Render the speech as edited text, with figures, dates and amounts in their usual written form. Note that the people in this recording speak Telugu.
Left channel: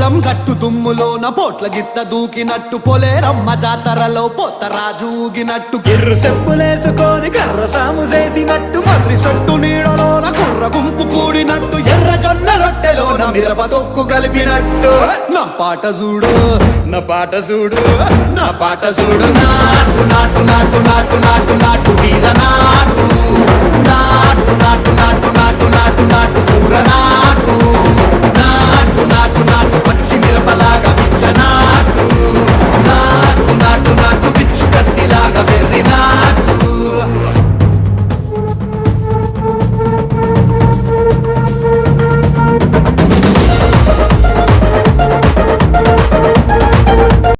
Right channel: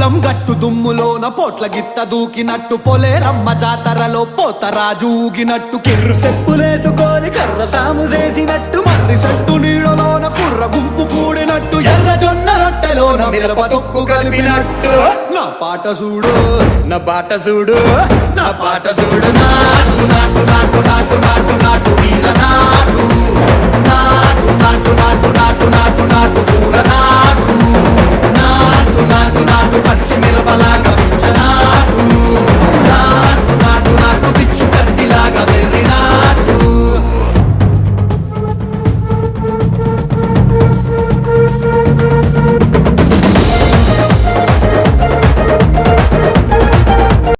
పొలం గట్టు దుమ్ములోన పోట్ల గిత్త దూకినట్టు పొలేరమ్మ జాతరలో పోతరాజు ఊగినట్టు కిర్రు చెప్పులేసుకొని కర్ర సాము చేసినట్టు మర్రి సట్టు నీడలోన కుర్ర గుంపు కూడినట్టు ఎర్ర జొన్న రొట్టెలోన మిరప దొక్కు కలిపినట్టు నా పాట చూడు నా పాట చూడు నా పాట చూడు నాటు నాటు నాటు నాటు నాటు నాటు వీర నాటు నాటు నాటు నాటు